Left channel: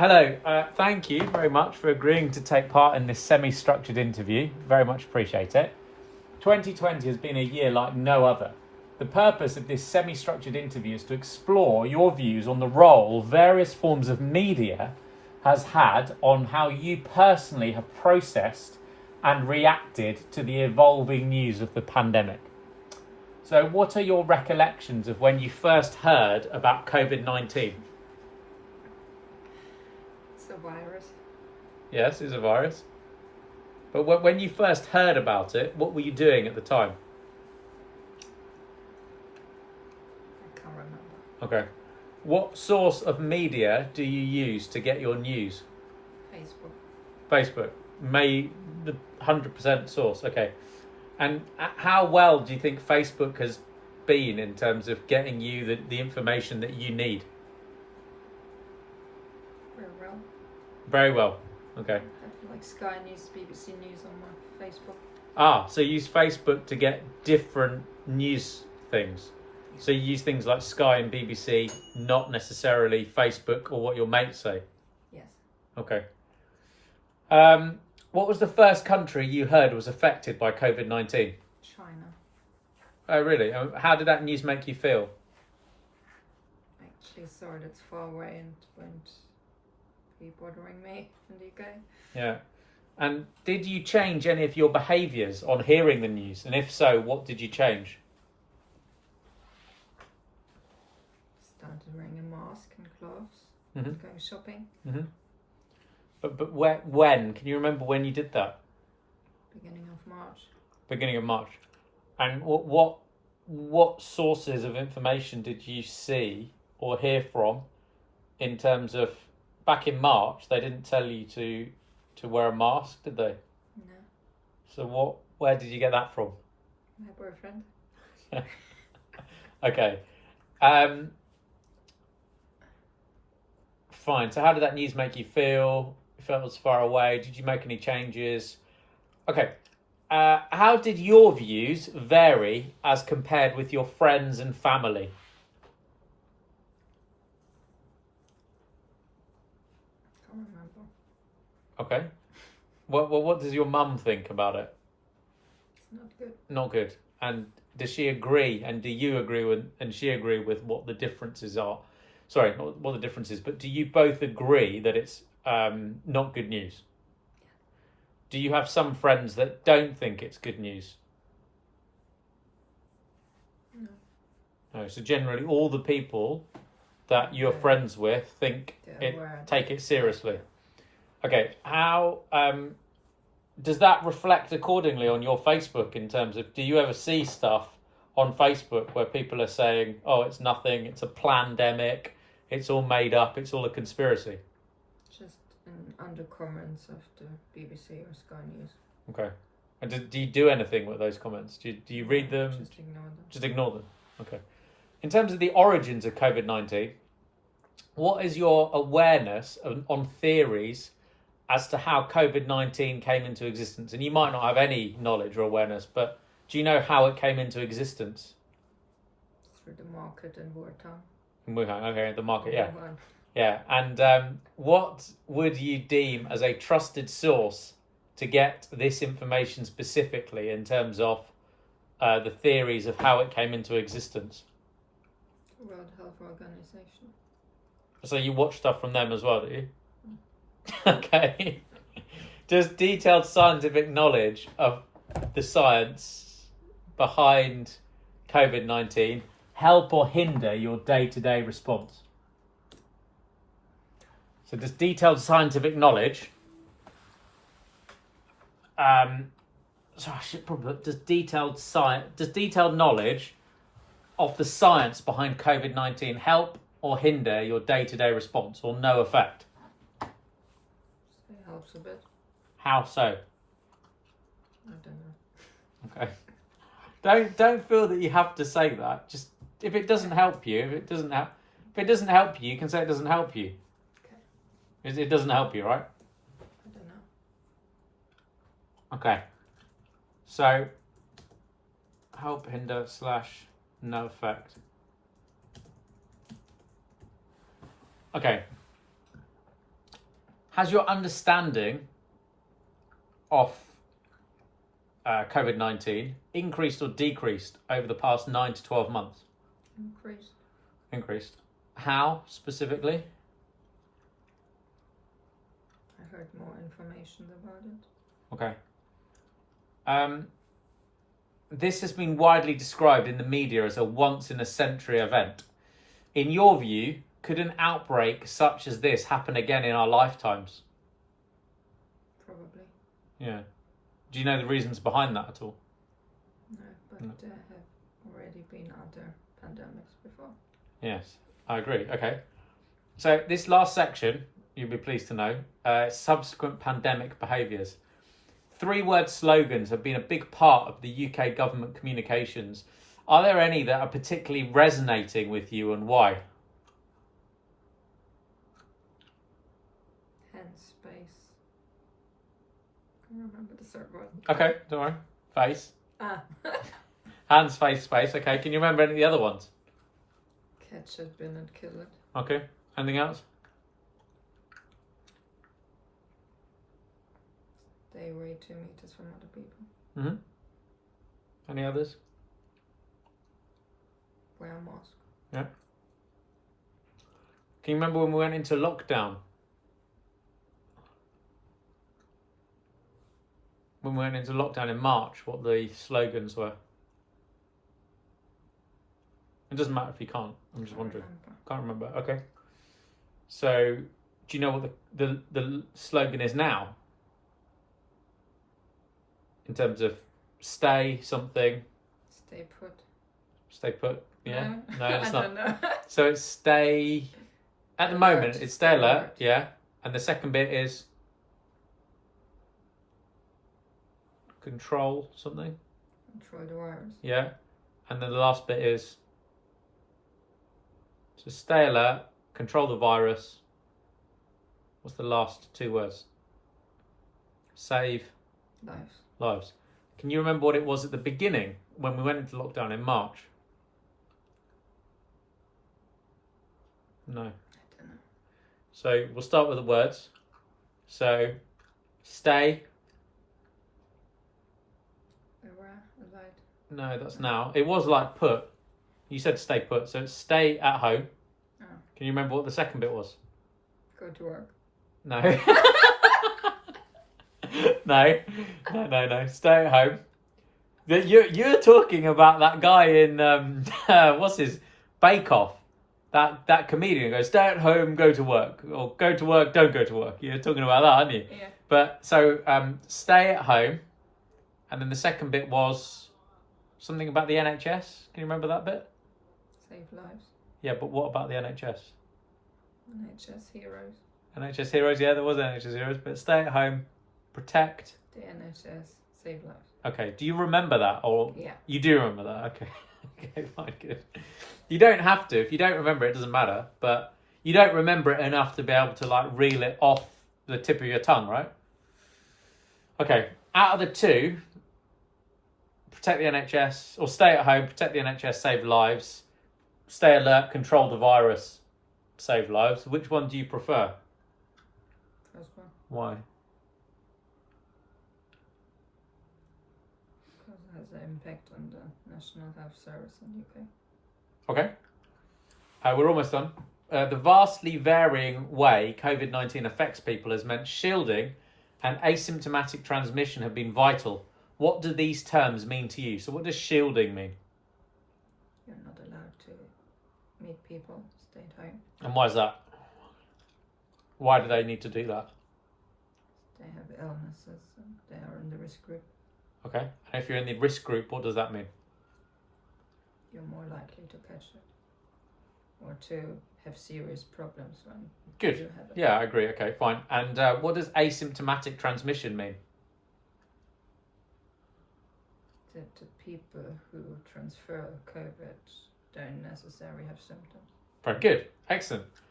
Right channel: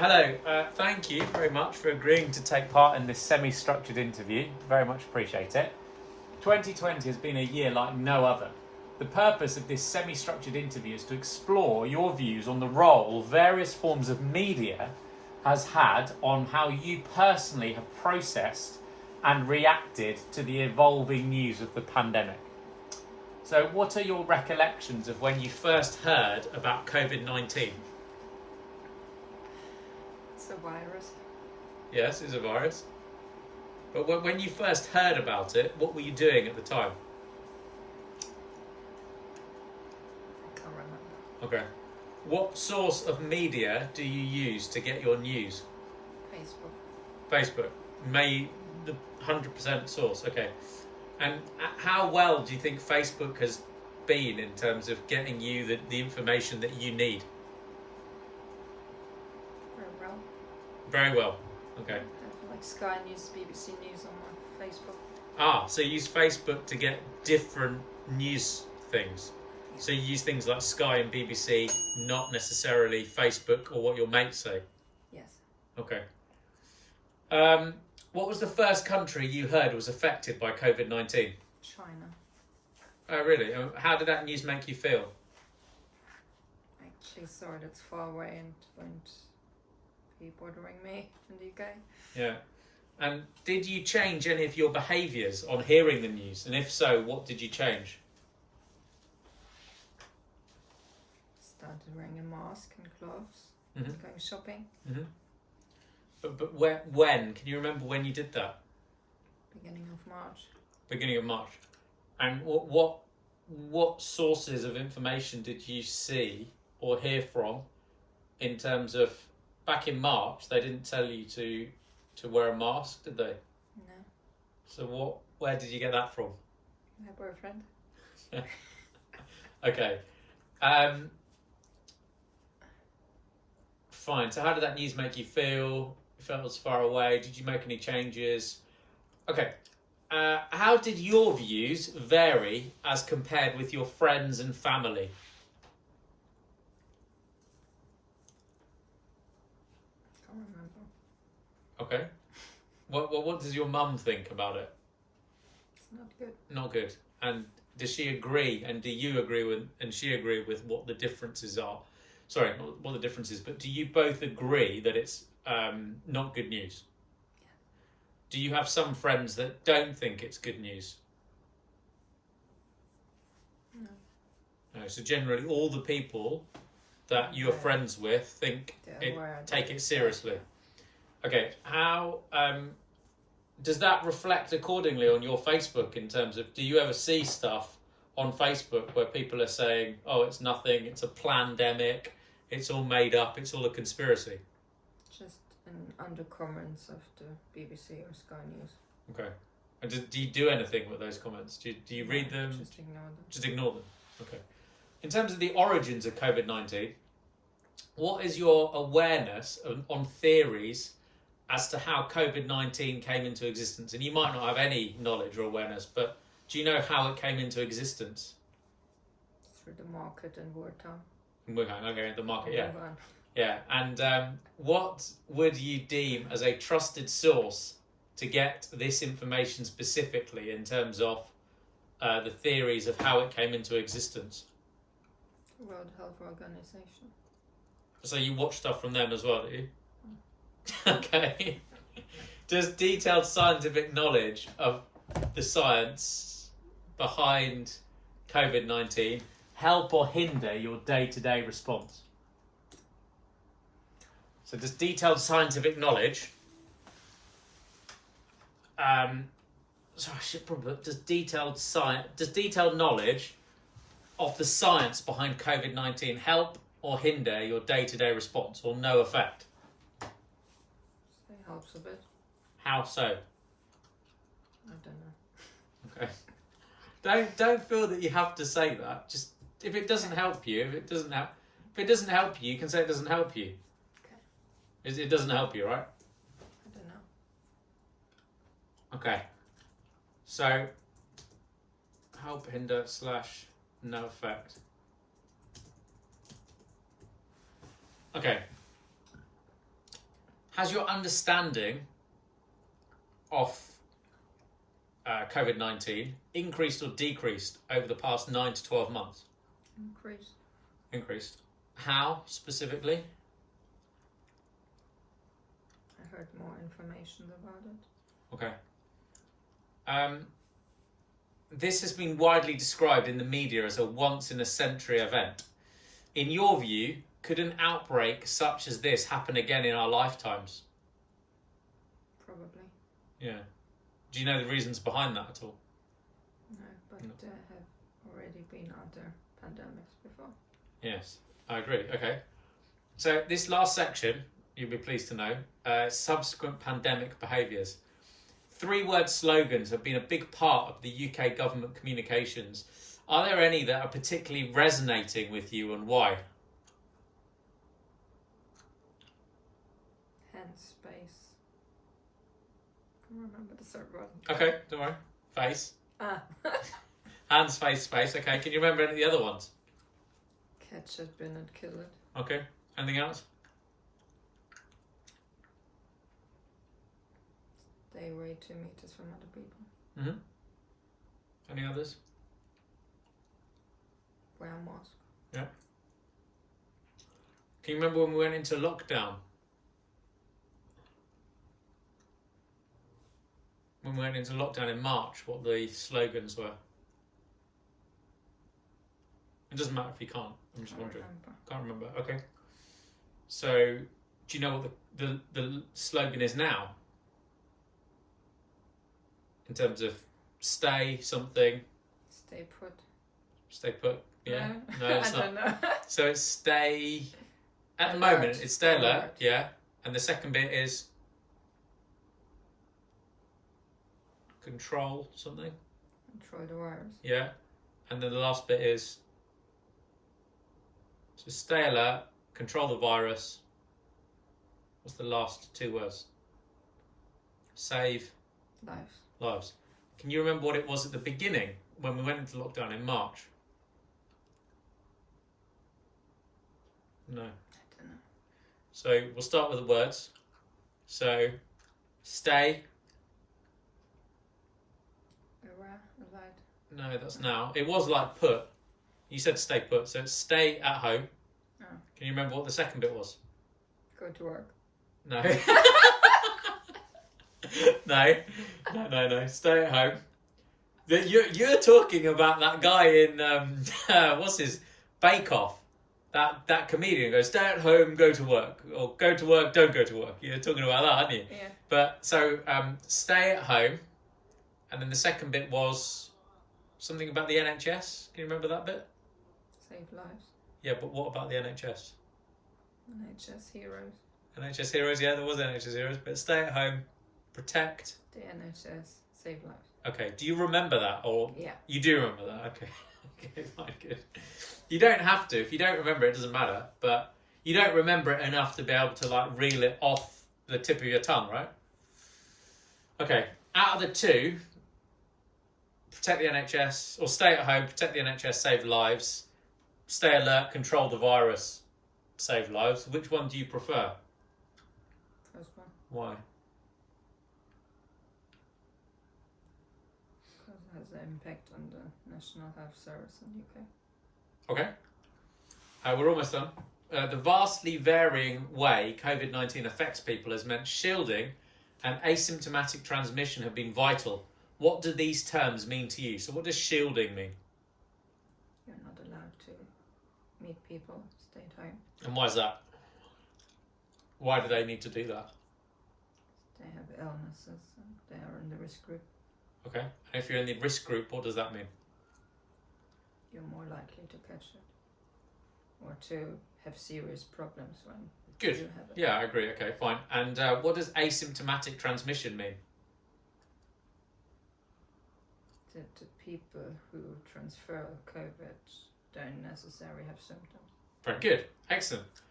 Hello, thank you very much for agreeing to take part in this semi-structured interview. Very much appreciate it. 2020 has been a year like no other. The purpose of this semi-structured interview is to explore your views on the role various forms of media has had on how you personally have processed and reacted to the evolving news of the pandemic. So what are your recollections of when you first heard about COVID-19? It's a virus. Yes, it's a virus. But when you first heard about it, what were you doing at the time? I can't remember. Okay. What source of media do you use to get your news? Facebook. Facebook. The 100% source. Okay. And how well do you think Facebook has been in terms of getting you the information that you need? Very well. Very well. Okay. I have like Sky News, BBC News on my Facebook. So you use Facebook to get different news things. Yeah. So you use things like Sky and BBC, not necessarily Facebook or what your mates say. Yes. Okay. What was the first country you heard was affected by COVID-19? China. Oh, really? How did that news make you feel? I actually saw it. It's far away and won't be bothering me in the UK. Yeah. And did you change any of your behaviours on hearing the news? And if so, what did you change? Started wearing a mask and gloves. Mm-hmm. Going shopping. Mm-hmm. But when? Can you remember when you did that? Beginning of March. Beginning of March. And what sources of information did you see or hear from in terms of back in March? They didn't tell you to wear a mask, did they? No. So where did you get that from? My boyfriend. Okay. Fine. So how did that news make you feel? You felt it was far away. Did you make any changes? Okay. How did your views vary as compared with your friends and family? Can't remember. Okay. What does your mum think about it? It's not good. Not good. And does she agree? And do you agree with? And she agree with what the differences are? Sorry, not what the difference is, but do you both agree that it's not good news? Yeah. Do you have some friends that don't think it's good news? No. No. So generally, all the people that you're friends with think take it seriously. Okay. How does that reflect accordingly on your Facebook in terms of, do you ever see stuff on Facebook where people are saying, oh, it's nothing, it's a plandemic, it's all made up, it's all a conspiracy? Just in under comments of the BBC or Sky News. Okay. And do you do anything with those comments? Do you read them? Just ignore them. Just ignore them. Okay. In terms of the origins of COVID-19, what is your awareness on theories as to how COVID-19 came into existence? And you might not have any knowledge or awareness, but do you know how it came into existence? Through the market in wartime. In Wuhan, okay, the market, yeah. Wuhan. Yeah, and what would you deem as a trusted source to get this information specifically in terms of the theories of how it came into existence? World Health Organization. So you watch stuff from them as well, do you? Okay. Does detailed scientific knowledge of the science behind COVID-19 help or hinder your day-to-day response? So does detailed scientific knowledge does detailed knowledge of the science behind COVID-19 help or hinder your day-to-day response, or no effect? It helps a bit. How so? I don't know. Okay. Don't feel that you have to say that. Just if it doesn't help you, if it doesn't help you, you can say it doesn't help you. Okay. It doesn't help you, right? I don't know. Okay. So help, hinder, / no effect. Okay. Has your understanding of COVID-19 increased or decreased over the past 9 to 12 months? Increased. Increased. How specifically? I heard more information about it. Okay. This has been widely described in the media as a once-in-a-century event. In your view, could an outbreak such as this happen again in our lifetimes? Probably. Yeah. Do you know the reasons behind that at all? No, but there have already been other pandemics before. Yes, I agree. Okay. So this last section, you'll be pleased to know, subsequent pandemic behaviours. 3-word slogans have been a big part of the UK government communications. Are there any that are particularly resonating with you, and why? Hand space. Can't remember the third one. Okay, don't worry. Face. Ah. Hands, face, space. Okay, can you remember any of the other ones? Catch it, bin it, kill it. Okay, anything else? Stay away 2 meters from other people. Mm-hmm. Any others? Wear a mask. Yeah. Can you remember when we went into lockdown? When we went into lockdown in March, what the slogans were? It doesn't matter if you can't. I'm just wondering. Can't remember. Okay. So, do you know what the slogan is now? In terms of stay something. Stay put. Stay put. Yeah. No, it's I not. don't know. So it's stay. At the Alert. moment, it's stay alert. Alert. Yeah. And the second bit is control something. Control the virus. Yeah. And then the last bit is so stay alert, control the virus. What's the last 2 words? Save Lives. lives. Can you remember what it was at the beginning when we went into lockdown in March? No. I don't know. So we'll start with the words. So stay. Alight. No, that's now. It was like put. You said stay put, so it's stay at home. Oh. Can you remember what the second bit was? Go to work. No. No. Stay at home. You're talking about that guy in what's his Bake Off. That comedian goes, stay at home, go to work, or go to work, don't go to work. You're talking about that, aren't you? Yeah. But so stay at home, and then the second bit was something about the NHS. Can you remember that bit? Save lives. Yeah, but what about the NHS? NHS heroes. NHS heroes, yeah, there was NHS heroes, but stay at home, protect. The NHS save lives. Okay, do you remember that, or Yeah. you do remember that? Okay, okay, fine, good. You don't have to. If you don't remember it, doesn't matter. But you don't remember it enough to be able to like reel it off the tip of your tongue, right? Okay, out of the 2, protect the NHS, or stay at home, protect the NHS, save lives. Stay alert, control the virus, save lives. Which one do you prefer? First one. Why? Because it has an impact on the National Health Service in the UK. Okay. We're almost done. The vastly varying way COVID-19 affects people has meant shielding and asymptomatic transmission have been vital. What do these terms mean to you? So what does shielding mean? You're not allowed to meet people. Stay at home. And why is that? Why do they need to do that? They have illnesses and they are in the risk group. Okay. And if you're in the risk group, what does that mean? You're more likely to catch it or to have serious problems when Good. you have it. Yeah, I agree. Okay, fine. And what does asymptomatic transmission mean? That the people who transfer COVID don't necessarily have symptoms. Very good. Excellent.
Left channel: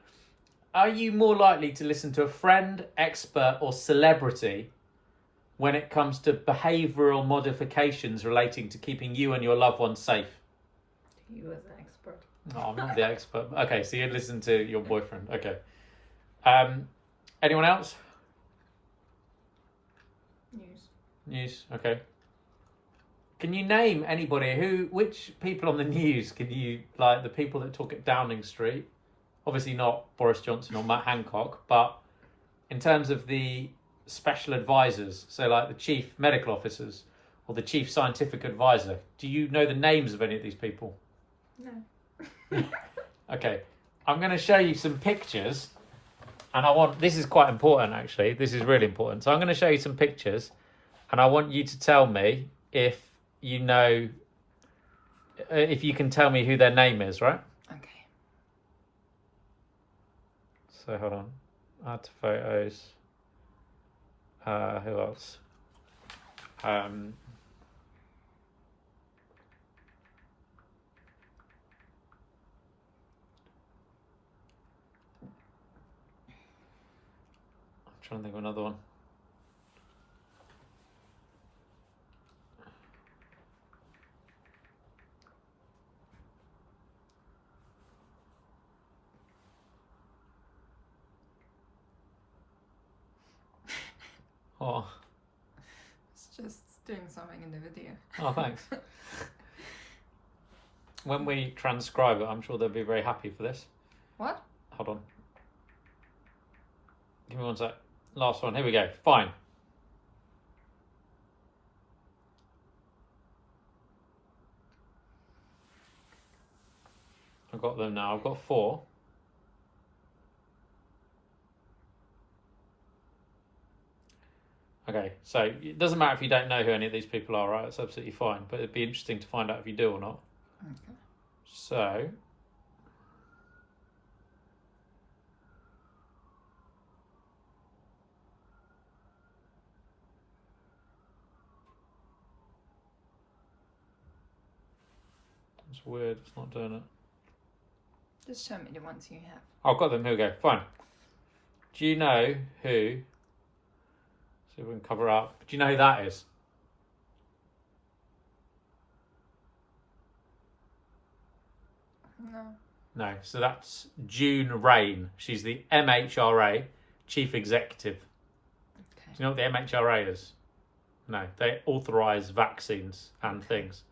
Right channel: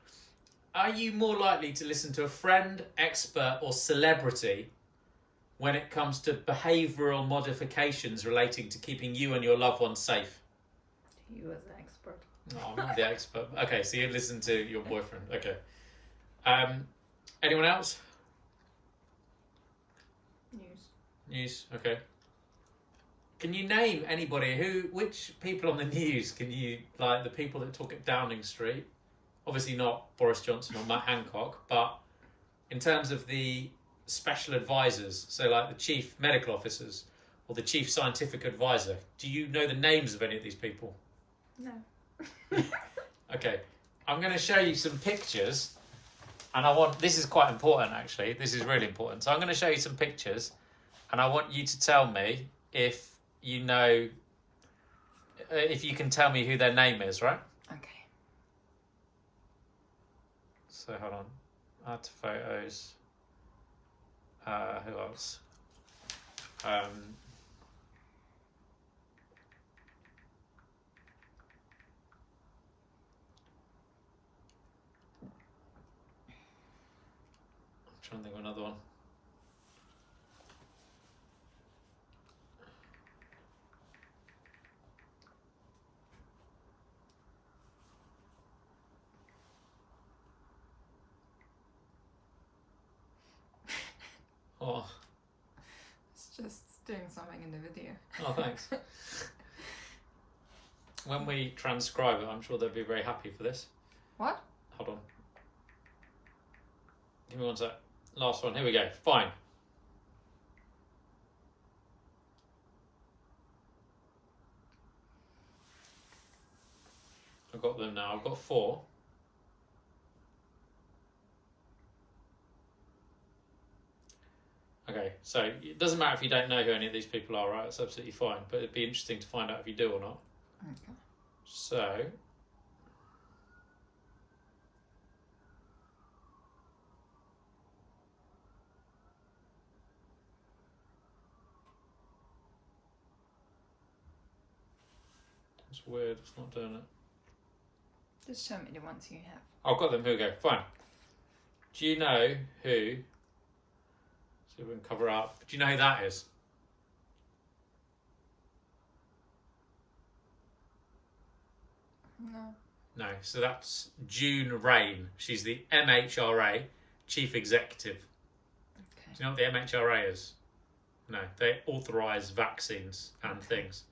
Are you more likely to listen to a friend, expert, or celebrity when it comes to behavioural modifications relating to keeping you and your loved ones safe? You as an expert. Oh, I'm not the expert. Okay, so you listen to your boyfriend. Okay. Anyone else? News. Okay. Can you name anybody which people on the news can you, like the people that talk at Downing Street? Obviously not Boris Johnson or Matt Hancock, but in terms of the special advisors, so like the chief medical officers or the chief scientific advisor, do you know the names of any of these people? No. Okay, I'm going to show you some pictures, and this is quite important actually, this is really important. So I'm going to show you some pictures, and I want you to tell me if you know, if you can tell me who their name is, right? Okay. So hold on, add to photos. Who else? I'm trying to think of another one. Oh, It's just doing something in the video. oh, thanks. When we transcribe it, I'm sure they'll be very happy for this. What? Hold on. Give me one sec. Last one. Here we go. Fine. I've got them now. I've got 4. Okay, so it doesn't matter if you don't know who any of these people are, right? It's absolutely fine. But it'd be interesting to find out if you do or not. Okay. So... It's weird, it's not doing it. Just show me the ones you have. I've got them, here we go, fine. Do you know who... So we can cover up. Do you know who that is? No. No, so that's June Rain. She's the MHRA Chief Executive. Okay. Do you know what the MHRA is? No, they authorise vaccines and things.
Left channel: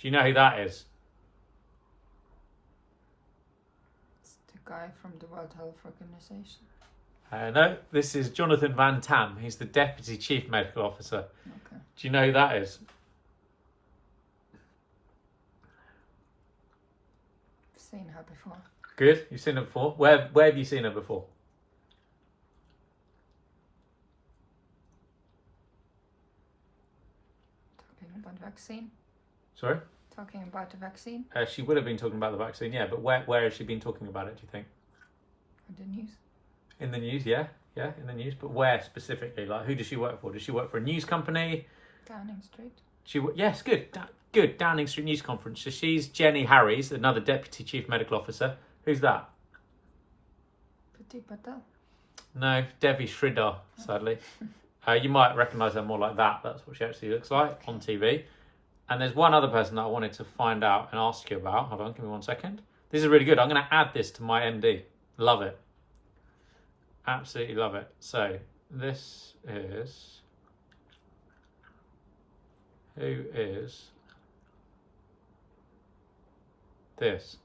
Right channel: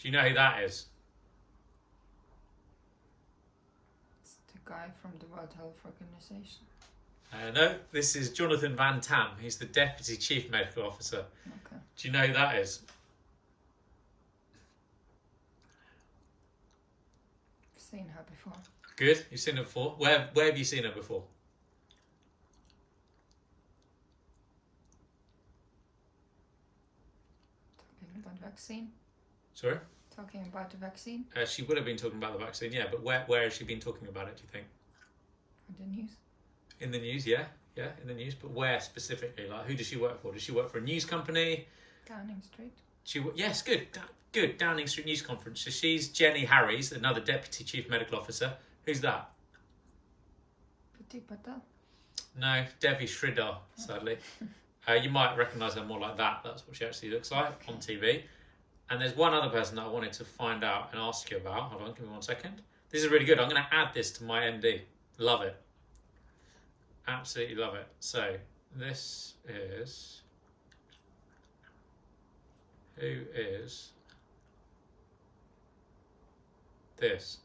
Do you know who that is? It's the guy from the World Health Organization. No, this is Jonathan Van Tam. He's the Deputy Chief Medical Officer. Okay. Do you know who that is? I've seen her before. Good, you've seen her before. Where have you seen her before? Talking about vaccine. Sorry? Talking about the vaccine. She would have been talking about the vaccine, yeah, but where has she been talking about it, do you think? On the news. In the news, yeah, in the news. But where specifically? Like, who does she work for? Does she work for a news company? Downing Street. Yes, good, good. Downing Street News Conference. So she's Jenny Harries, another Deputy Chief Medical Officer. Who's that? Petit Patel. No, Devi Sridhar, sadly. You might recognise her more like that. That's what she actually looks like on TV. And there's one other person that I wanted to find out and ask you about. Hold on, give me 1 second. This is really good. I'm going to add this to my MD. Love it. Absolutely love it. So this is... Who is this?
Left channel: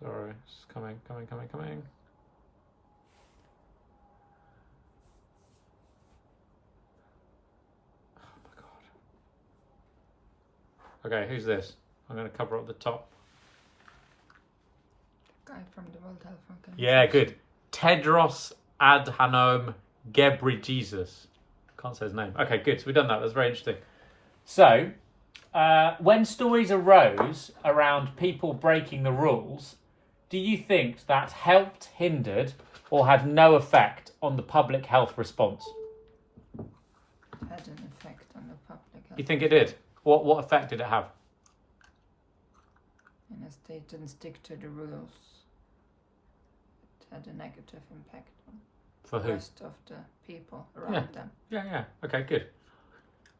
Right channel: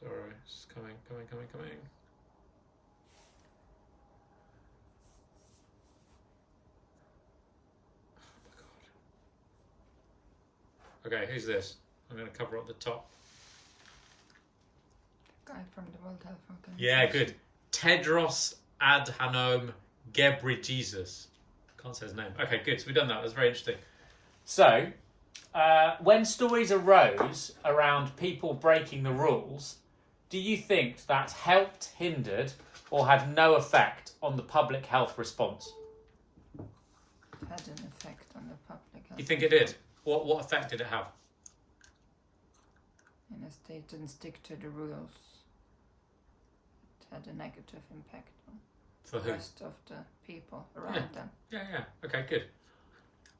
Sorry, it's coming. Okay, who's this? I'm going to cover up the top. The guy from the World Health Organization. Yeah, good. Tedros Adhanom Ghebreyesus. Can't say his name. Okay, good. So we've done that. That's very interesting. So, when stories arose around people breaking the rules, do you think that helped, hindered, or had no effect on the public health response? It had an effect on the public health. You think it did? What effect did it have? And as they didn't stick to the rules, it had a negative impact on For the who? rest of the people around them. Yeah. Okay, good.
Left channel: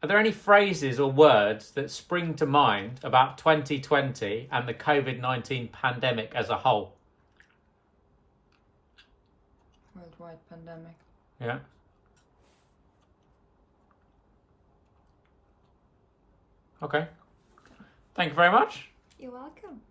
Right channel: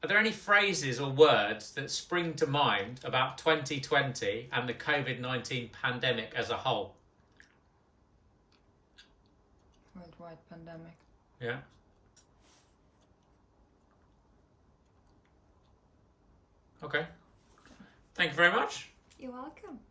Are there any phrases or words that spring to mind about 2020 and the COVID-19 pandemic as a whole? Worldwide pandemic. Yeah. Okay. Thank you very much. You're welcome.